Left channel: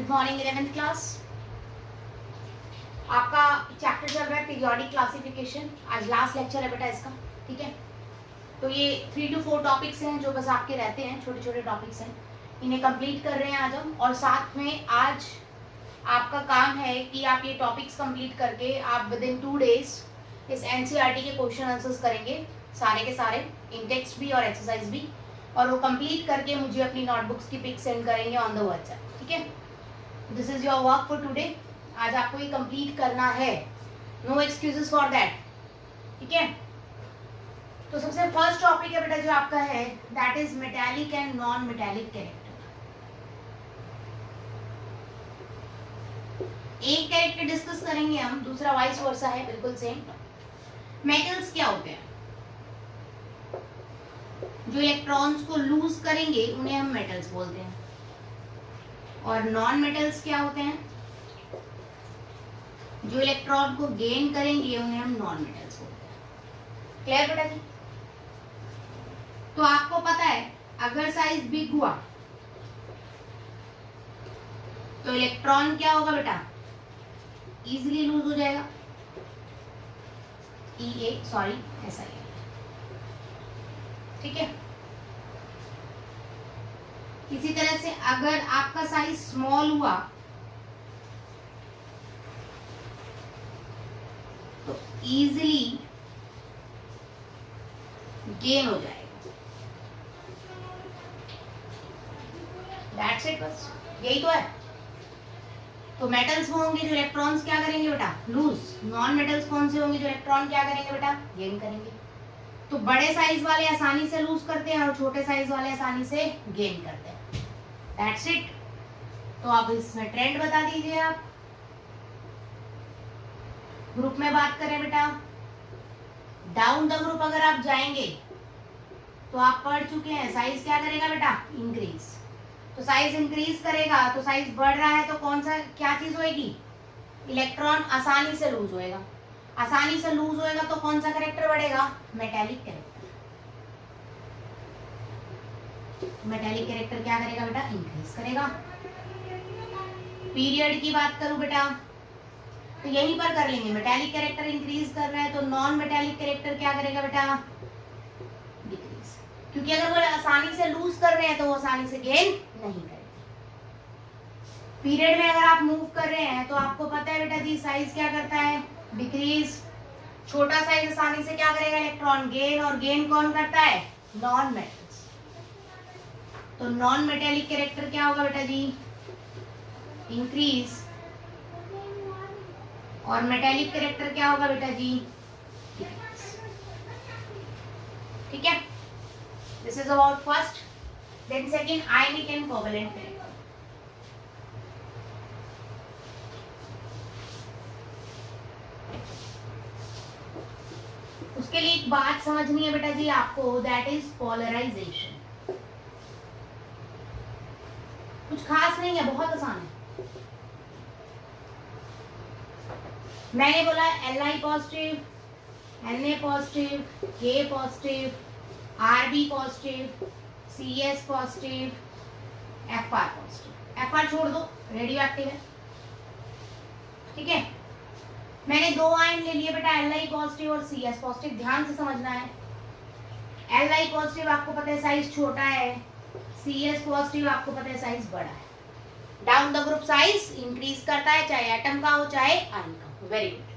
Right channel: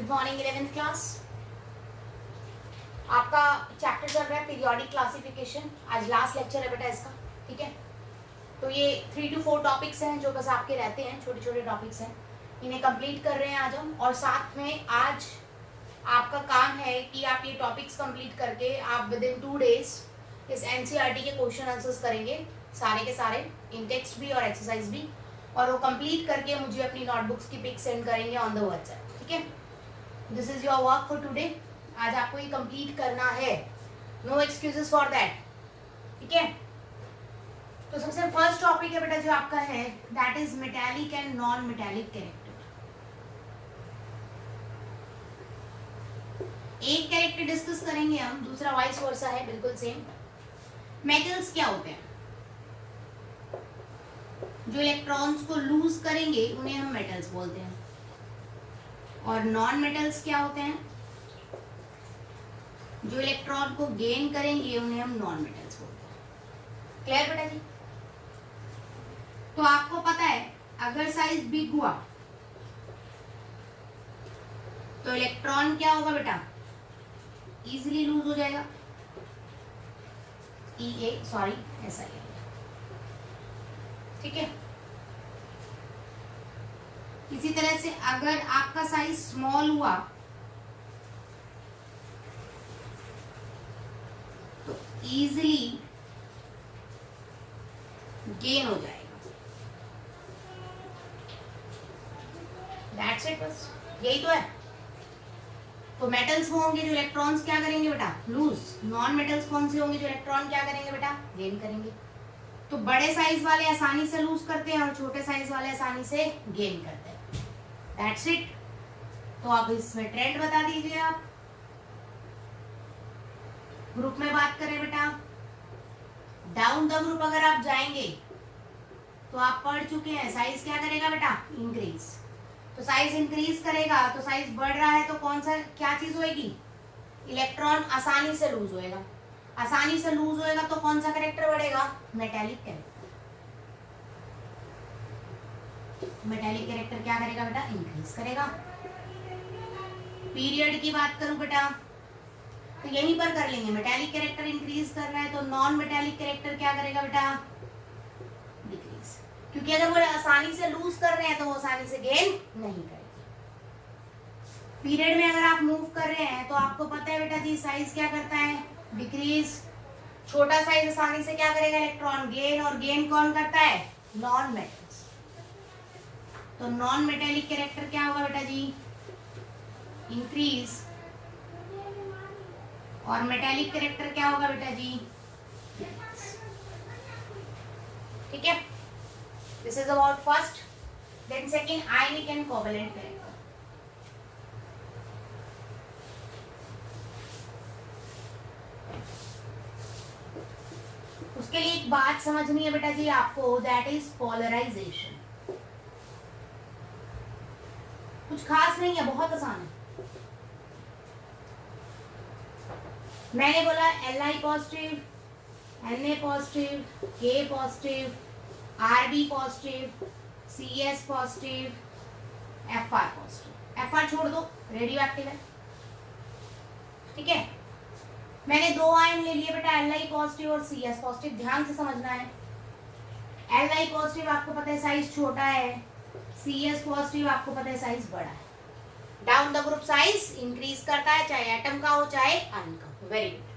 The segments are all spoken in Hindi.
Good morning 11th class. आपका चैप्टर चल रहा है पीरियोडिक क्लासिफिकेशन। आज लास्ट लेक्चर है बेटा इसका, ठीक है। तो ये 3 to 4 टॉपिक्स हैं जो बस आपके रहते हैं, छोटे छोटे टॉपिक्स हैं, इन्हें कंप्लीट कर रहे हैं आज हम। और साथ में आज आपका काम है कि आप ये टॉपिक्स कंप्लीट करके आप विद इन 2 days इस एनसीईआरटी के क्वेश्चन आंसर्स करेंगे, सारे के सारे, इन टेक्स्ट भी और एक्सरसाइज भी। और वो कंप्लीट करके मुझे अपनी नोटबुक्स की पिक सेंड करेंगे ऑन द व्हाट्सएप, ठीक है। This is your work for today. आज आपको ये कंप्लीट करना है, नो एक्सक्यूजेस फॉर दैट, ठीक है। तो सबसे फर्स्ट टॉपिक है बेटा जो आपका है, that is metallic and non metallic character. एक कैरेक्टर डिस्कस करेंगे हम, दूसरा वाइस वर्सा है, बिल्कुल सेम। मेटल्स क्या होते हैं? जो इलेक्ट्रॉन्स को लूज करेंगे उन्हें हम मेटल्स बोलते हैं। और नॉन मेटल्स क्या होते हैं? जो इलेक्ट्रॉन को गेन करेंगे उन्हें हम नॉन मेटल्स बोलते हैं। क्लियर बेटा जी? तो आपको पता है अगर साइज बिग हुआ तो इलेक्ट्रॉन क्या होगा बेटा? इजीली लूज हो जाएगा, सॉरी ऐसा ही है, ठीक है। इसी तरह से अगर आपका साइज स्मॉल हुआ तो इजीली गेन हो जाएगा। दैट्स इट, बस यही तो है। तो मेटल्स वो होंगे जो इलेक्ट्रॉन्स क्या करेंगे बेटा? लूज। नॉन मेटल्स कौन से होंगे जो इलेक्ट्रॉन क्या करेंगे बेटा? गेन करेंगे। तो बड़े साइज वाले आसानी से लूज करते हैं और छोटे साइज वाले आसानी से गेन करते हैं। That's it. तो आप इसमें ट्रेंड बता दीजिए। आप ग्रुप में बात करें बेटा, डाउन द ग्रुप अगर आप जाएंगे तो आप पढ़ चुके हैं साइज क्या करेगा बेटा? इंक्रीज। तो साइज इंक्रीज करेगा तो साइज बढ़ रहा है तो कौन सा क्या चीज होएगी? इलेक्ट्रॉन आसानी से लूज होएगा। आसानी से लूज होएगा तो कौन सा कैरेक्टर बढ़ेगा? Metallic character. मेटालिक कैरेक्टर क्या करेगा बेटा? इंक्रीज करेगा। पीरियड की बात करूं बेटा तो यहीं पर कर लेंगे। मेटालिक कैरेक्टर इंक्रीज कर रहे हैं तो नॉन मेटालिक कैरेक्टर क्या करेगा बेटा? डिक्रीज। क्योंकि अगर वो आसानी से लूज कर रहे हैं तो वो आसानी से गेन नहीं करेंगे। पीरियड में अगर आप मूव कर रहे हैं तो आपको पता है बेटा जी साइज क्या करता है? डिक्रीज। छोटा साइज आसानी से क्या करेगा? Electron gain. और गेन कौन करता है? Non metals. तो नॉन मेटेलिक कैरेक्टर क्या होगा बेटा जी? इंक्रीज। और मेटेलिक कैरेक्टर क्या होगा बेटा जी? ठीक है। This is about first. Then second, ionic and covalent character. उसके लिए एक बात समझनी है बेटा जी आपको, दैट इज पोलराइजेशन। कुछ खास नहीं है, बहुत आसान है। मैंने बोला Li positive, Na positive, K positive, Rb positive, Cs positive, Fr positive. Fr छोड़ दो, रेडियो एक्टिव है, ठीक है। मैंने 2 आयन ले लिए बेटा, Li पॉजिटिव और Cs पॉजिटिव। ध्यान से समझना है। Li पॉजिटिव आपको पता है साइज छोटा है, Cs पॉजिटिव आपको पता है साइज बड़ा है। Down the group size increase करता है, चाहे एटम का हो चाहे आयन का हो। Very good.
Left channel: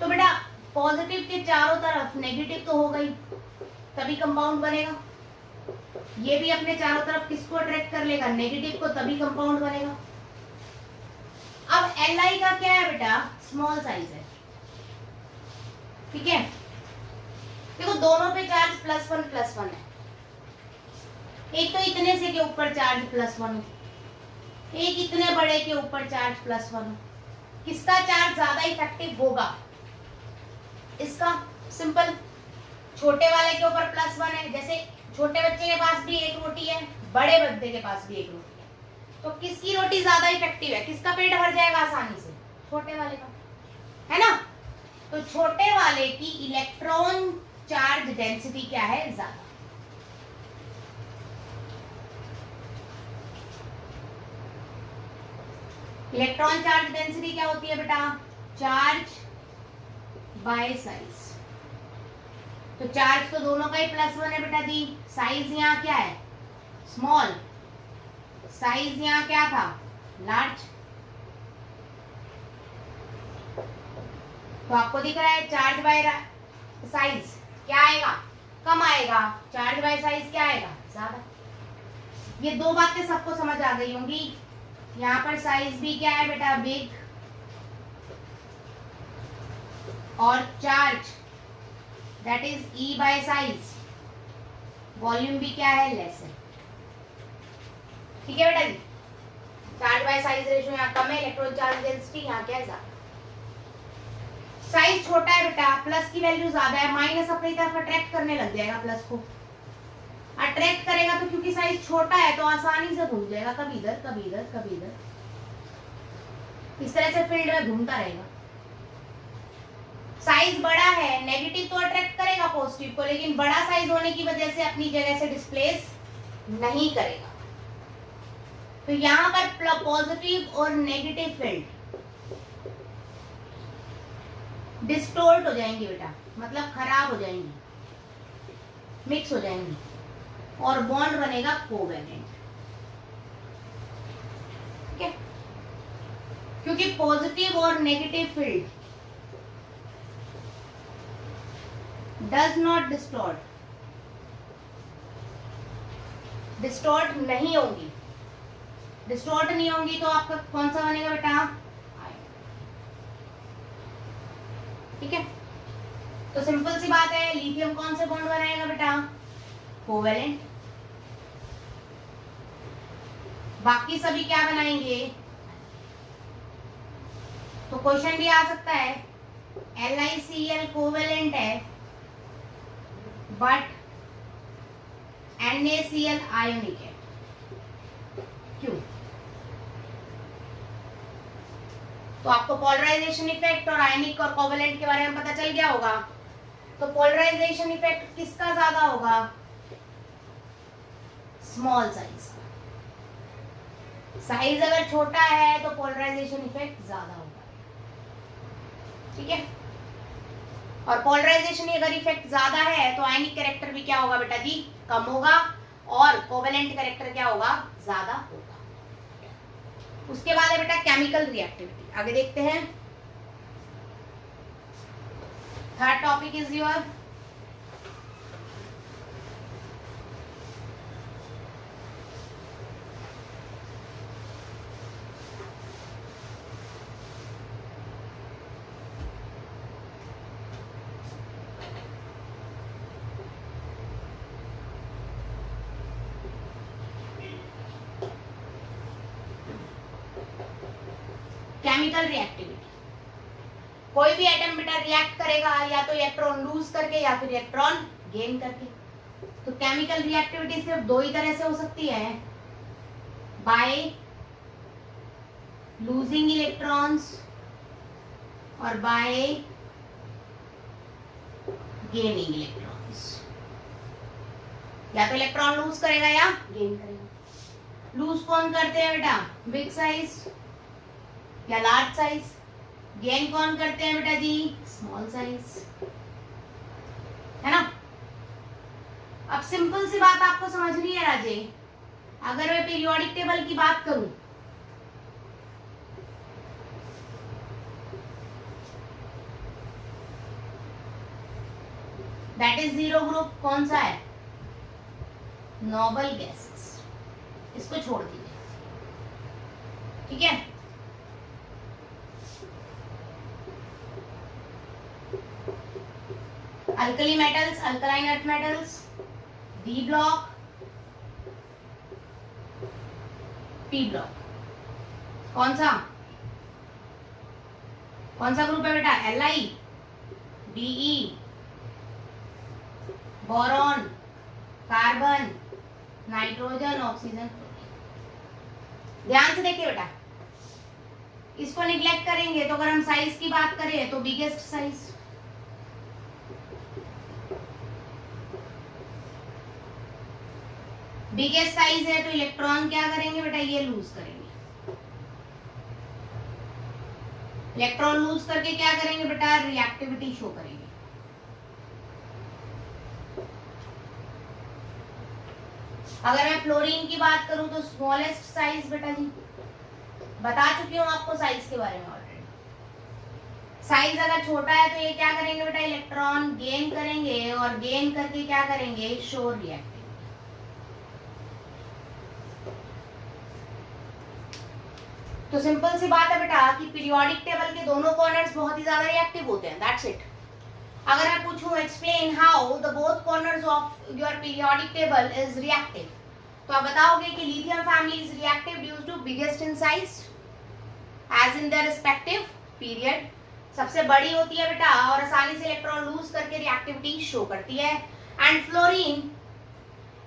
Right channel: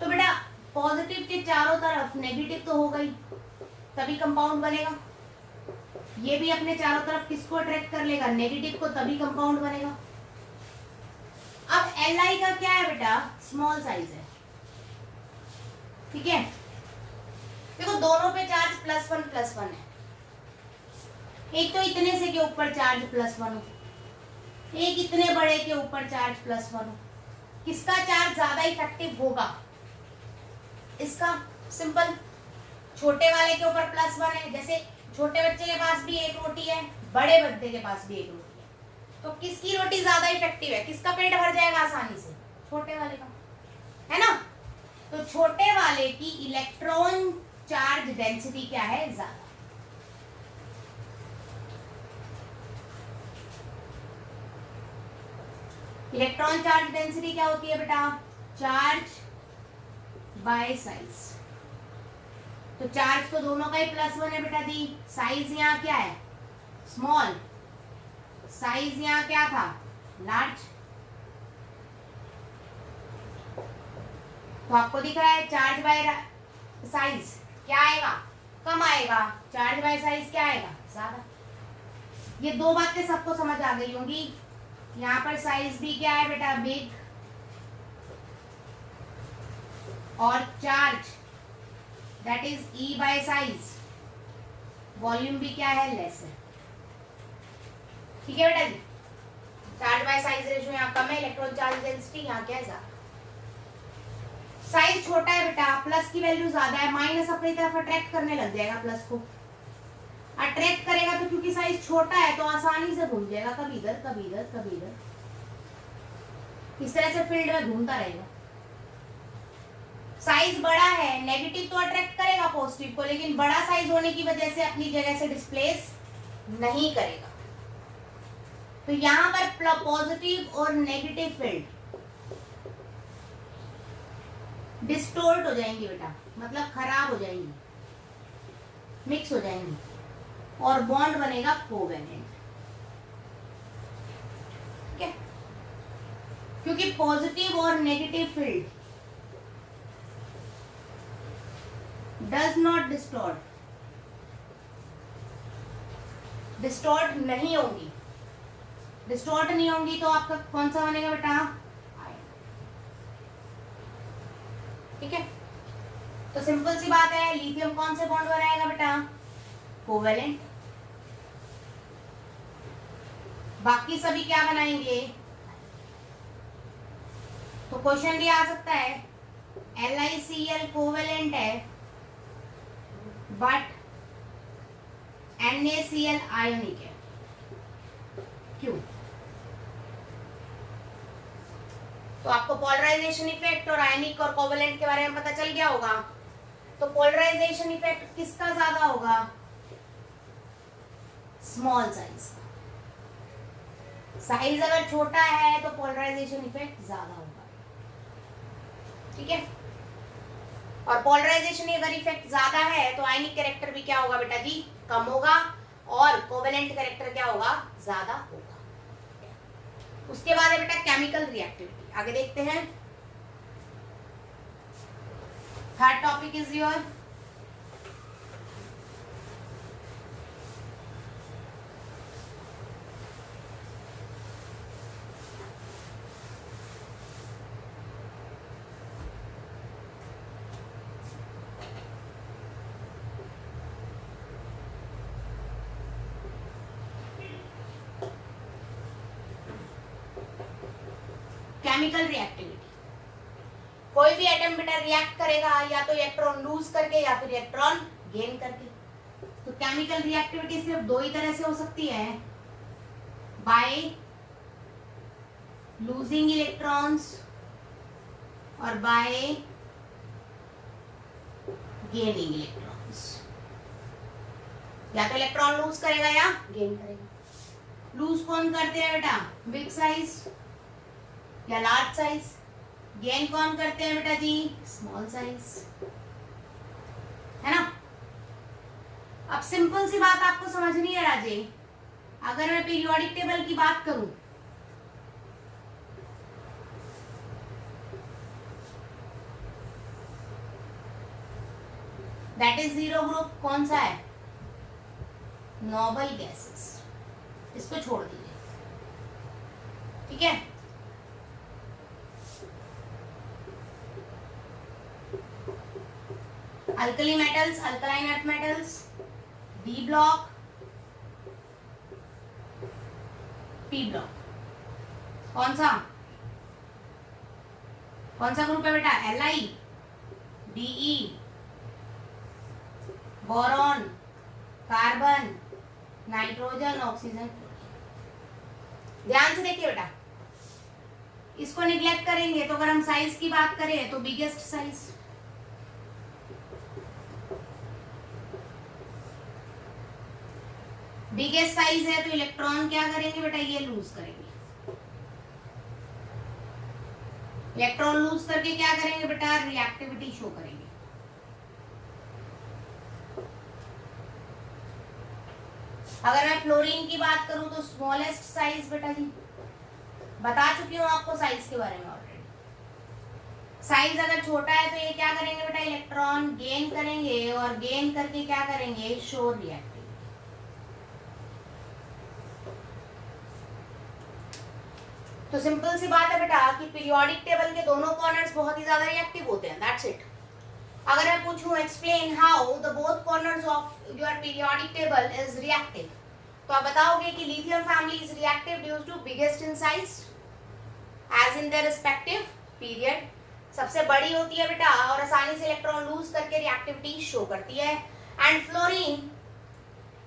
तो बेटा पॉजिटिव के चारों तरफ नेगेटिव तो हो गई, तभी कंपाउंड बनेगा। ये भी अपने चारों तरफ किसको अट्रैक्ट कर लेगा? नेगेटिव को, तभी कंपाउंड बनेगा। अब Li का क्या है बेटा? स्मॉल साइज है, ठीक है। देखो दोनों पे चार्ज +1 है। एक तो इतने से के ऊपर चार्ज +1 हो, एक इतने बड़े के ऊपर चार्ज +1 हो। किसका चार्ज ज्यादा इफेक्टिव होगा? इसका। सिंपल। छोटे वाले के ऊपर +1 है, जैसे छोटे बच्चे के पास भी एक रोटी है, बड़े बच्चे के पास भी एक रोटी है, तो किसकी रोटी ज्यादा इफेक्टिव है? किसका पेट भर जाएगा आसानी से? छोटे वाले का, है ना। तो छोटे वाले की इलेक्ट्रॉन चार्ज डेंसिटी क्या है? ज्यादा। इलेक्ट्रॉन चार्ज डेंसिटी क्या होती है बेटा? Charge by size. तो चार्ज तो दोनों का ही +1 है बेटा जी। साइज यहाँ क्या है? स्मॉल। साइज यहाँ क्या था? लार्ज। तो आपको दिख रहा है चार्ज बाय साइज क्या आएगा? कम आएगा। चार्ज बाय साइज क्या आएगा? ज्यादा। ये दो बातें सबको समझ आ गई होंगी। यहाँ पर साइज भी क्या है बेटा? बिग। और charge that is E bye size, volume भी क्या है? लेस है। ठीक है बेटा जी। चार्ज बाय साइज रेशियो यहाँ कम है, इलेक्ट्रॉन चार्ज डेंसिटी यहाँ क्या है? ज्यादा। साइज छोटा है बेटा, प्लस की वैल्यू ज्यादा है, माइनस अपनी तरफ अट्रैक्ट करने लग जाएगा प्लस को। अट्रैक्ट करेगा तो क्योंकि साइज छोटा है तो आसानी से घूम जाएगा, कभी इधर कभी इधर कभी इधर, इस तरह से फील्ड में घूमता रहेगा। साइज बड़ा है, नेगेटिव तो अट्रैक्ट करेगा पॉजिटिव को, लेकिन बड़ा साइज होने की वजह से अपनी जगह से डिस्प्लेस नहीं करेगा। तो यहां पर पॉजिटिव और नेगेटिव फील्ड डिस्टोर्ट हो जाएंगी बेटा, मतलब खराब हो जाएंगी, मिक्स हो जाएंगी, और बॉन्ड बनेगा कोवेलेंट। ठीक है, क्योंकि पॉजिटिव और negative field does not distort, distort नहीं होंगी। डिस्टॉर्ट नहीं होंगी तो आपका कौन सा बनेगा बेटा? ठीक है, तो सिंपल सी बात है, लिथियम कौन से बॉन्ड बनाएगा बेटा? कोवेलेंट। बाकी सभी क्या बनाएंगे? तो क्वेश्चन भी आ सकता है, LiCl कोवेलेंट है बट NaCl आयोनिक है, क्यों? तो आपको पोलराइजेशन इफेक्ट और आयनिक और कोवेलेंट के बारे में पता चल गया होगा। तो पोलराइजेशन इफेक्ट किसका ज्यादा होगा? स्मॉल साइज का। साइज अगर छोटा है तो पोलराइजेशन इफेक्ट ज्यादा होगा। ठीक है, और पोलराइजेशन अगर इफेक्ट ज्यादा है तो आयनिक कैरेक्टर भी क्या होगा बेटा जी? कम होगा, और कोवेलेंट कैरेक्टर क्या होगा? ज्यादा होगा। उसके बाद है बेटा केमिकल रिएक्टिविटी। आगे देखते हैं। Third topic is your chemical reactivity. कोई भी एटम बेटा रिएक्ट करेगा या तो इलेक्ट्रॉन लूज करके या फिर इलेक्ट्रॉन गेन करके। तो केमिकल रिएक्टिविटी सिर्फ दो ही तरह से हो सकती है, बाय लूजिंग इलेक्ट्रॉन्स और बाय गेनिंग इलेक्ट्रॉन्स। या तो इलेक्ट्रॉन लूज करेगा या गेन करेगा। लूज कौन करते हैं बेटा? बिग साइज या लार्ज साइज। गेन कौन करते हैं बेटा जी? स्मॉल साइज, है ना। अब सिंपल सी बात आपको समझनी है राजे, अगर मैं पीरियोडिक टेबल की बात करूं, दैट इज जीरो ग्रुप कौन सा है? Noble gases. इसको छोड़ दीजिए, ठीक है। Alkali metals, alkaline earth metals, D block, P block. कौन सा ग्रुप है बेटा? Li, De, boron, carbon, nitrogen, oxygen, fluorine. ध्यान से देखिए बेटा, इसको निग्लेक्ट करेंगे तो अगर हम साइज की बात करें तो बिगेस्ट साइज, बिगेस्ट साइज है तो इलेक्ट्रॉन क्या करेंगे बेटा? ये लूज करेंगे। इलेक्ट्रॉन लूज करके क्या करेंगे बेटा, रिएक्टिविटी शो करेंगे। अगर मैं फ्लोरीन की बात करूं तो स्मॉलेस्ट साइज बेटा जी बता चुकी हूं आपको साइज के बारे में ऑलरेडी। साइज अगर छोटा है तो ये क्या करेंगे बेटा, इलेक्ट्रॉन गेन करेंगे और गेन करके क्या करेंगे, शो रिएक्टिविटी। तो सिंपल सी बात है बेटा कि पीरियोडिक टेबल के दोनों कॉर्नर्स बहुत ही ज्यादा रिएक्टिव होते हैं, दैट्स इट। अगर मैं पूछूं explain how the both corners of your periodic table is reactive, तो आप बताओगे कि lithium family is reactive due to biggest in size as in the respective period, सबसे बड़ी होती है बेटा और आसानी से इलेक्ट्रॉन लूज करके रिएक्टिविटी शो करती है। एंड फ्लोरीन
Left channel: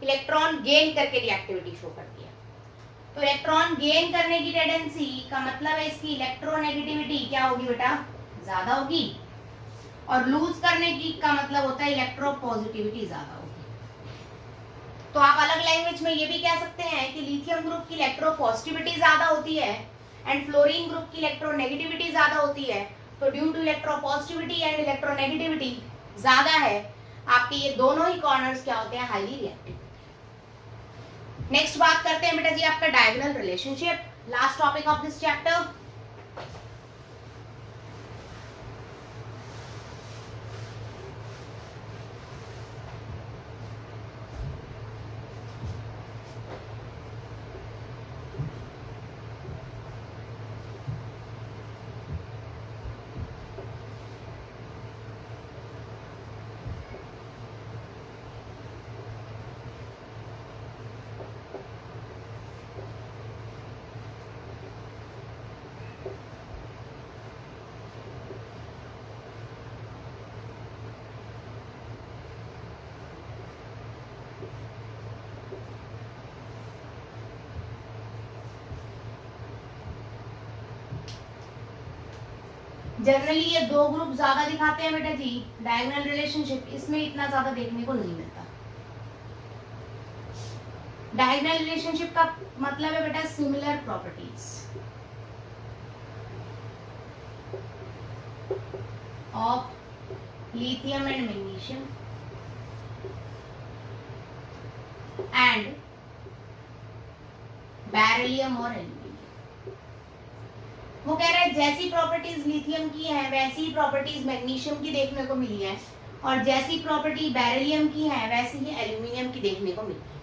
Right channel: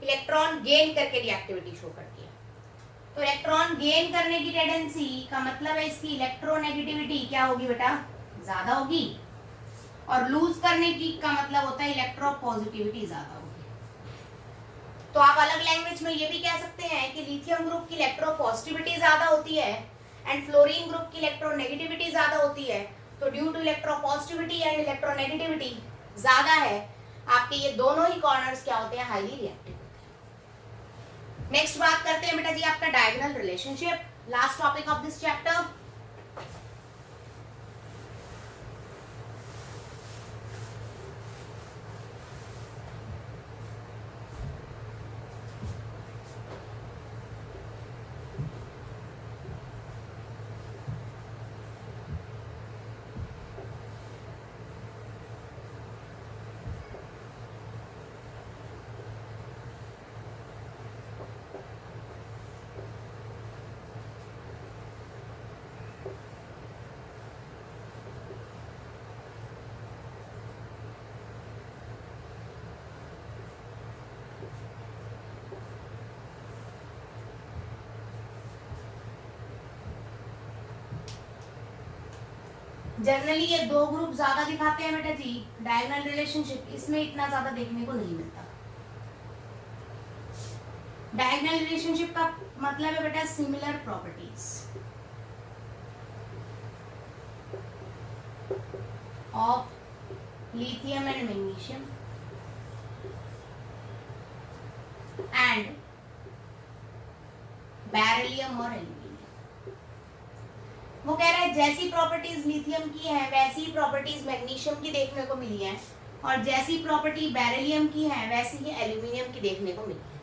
इलेक्ट्रॉन गेन करके रिएक्टिविटी शो करती है। तो इलेक्ट्रॉन गेन करने की टेंडेंसी का मतलब है इसकी इलेक्ट्रोनेगेटिविटी क्या होगी बेटा, ज्यादा होगी, और लूज करने की का मतलब होता है इलेक्ट्रोपॉजिटिविटी ज्यादा होगी। तो आप अलग लैंग्वेज में ये भी कह सकते हैं कि लिथियम ग्रुप की इलेक्ट्रोपॉजिटिविटी ज्यादा होती है एंड फ्लोरीन ग्रुप की इलेक्ट्रोनेगेटिविटी ज्यादा होती है। तो due to electropositivity and electronegativity ज्यादा है, आपके ये दोनों ही कॉर्नर्स क्या होते हैं, हाईली रिएक्टिव। नेक्स्ट बात करते हैं बेटा जी आपका diagonal relationship, last topic of this chapter. Generally ये दो ग्रुप ज्यादा दिखाते हैं बेटा जी डायगोनल रिलेशनशिप, इसमें इतना ज्यादा देखने को नहीं मिलता। डायगोनल रिलेशनशिप का मतलब है बेटा similar properties of lithium and magnesium and beryllium और एल्यूमिनियम। वो कह रहा है जैसी प्रॉपर्टीज लिथियम की है वैसी ही प्रॉपर्टीज मैग्नीशियम की देखने को मिली है, और जैसी प्रॉपर्टी बेरिलियम की है वैसी ही एल्यूमिनियम की देखने को मिली है।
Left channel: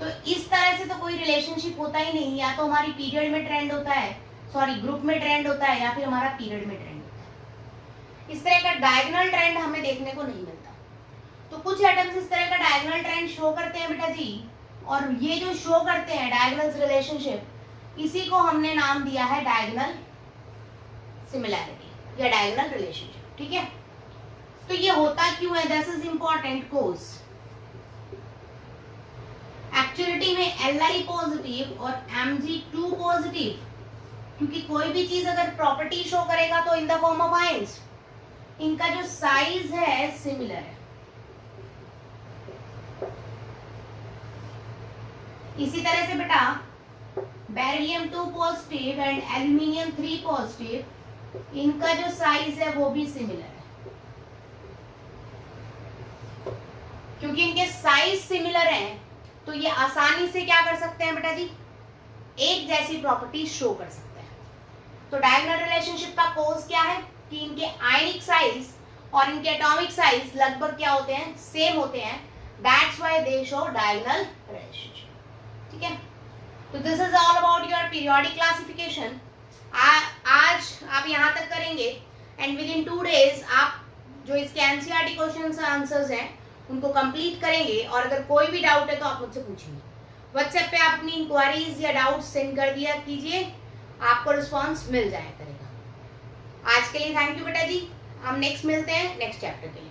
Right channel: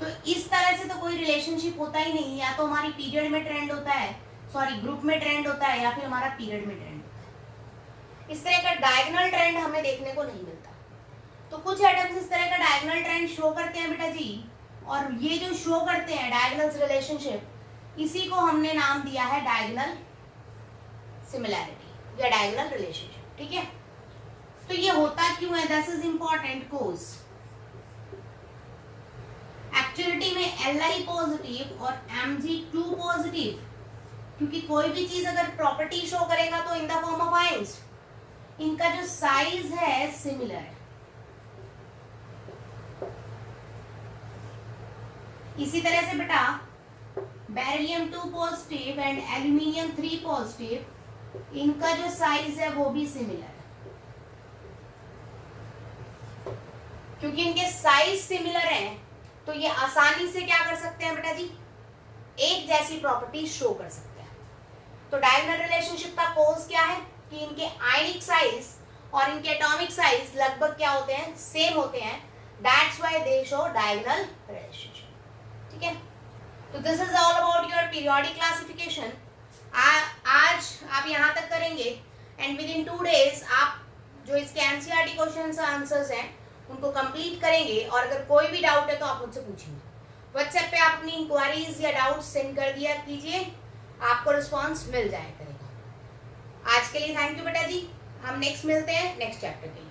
तो इस तरह से तो कोई रिलेशनशिप होता ही नहीं, या तो हमारी पीरियड में ट्रेंड होता है, सॉरी ग्रुप में ट्रेंड होता है, या फिर हमारा पीरियड में ट्रेंड होता है। इस तरह का डायगोनल ट्रेंड हमें देखने को नहीं मिलता। तो कुछ एटम्स इस तरह का डायगोनल ट्रेंड शो करते हैं बेटा जी, और ये जो शो करते हैं डायगोनल रिलेशनशिप, इसी को हमने नाम दिया है डायगोनल सिमिलैरिटी या डायगोनल रिलेशनशिप, ठीक है। तो ये होता क्यों है, this is important course. Actuality में Li पॉजिटिव और Mg2 पॉजिटिव, क्योंकि कोई भी चीज अगर प्रॉपर्टी शो करेगा तो in the form of ions, इनका जो साइज है सिमिलर है। इसी तरह से बेटा beryllium 2 positive and aluminium 3 positive, इनका जो साइज है वो भी सिमिलर है। क्योंकि इनके साइज सिमिलर हैं तो ये आसानी से क्या कर सकते हैं बेटा जी, एक जैसी प्रॉपर्टी शो कर सकते हैं। तो डायगोनल रिलेशनशिप का कोर्स क्या है कि इनके आयनिक साइज और इनके एटॉमिक साइज लगभग क्या होते हैं, सेम होते हैं। That's why they show diagonal relationship, ठीक है। तो this is all about your periodic classification. आज आप यहां तक करेंगे एंड विद इन 2 days आप जो इसके एनसीईआरटी क्वेश्चंस आंसर्स हैं उनको कंप्लीट करेंगे, और अगर कोई भी डाउट है तो आप मुझसे पूछेंगे। व्हाट्सएप पे आप अपनी इंक्वायरीज या डाउट सेंड कर दिया कीजिए, आपको रिस्पांस मिल जाया करेगा। आज के लिए थैंक यू बेटा जी, हम नेक्स्ट मिलते हैं नेक्स्ट चैप्टर के लिए।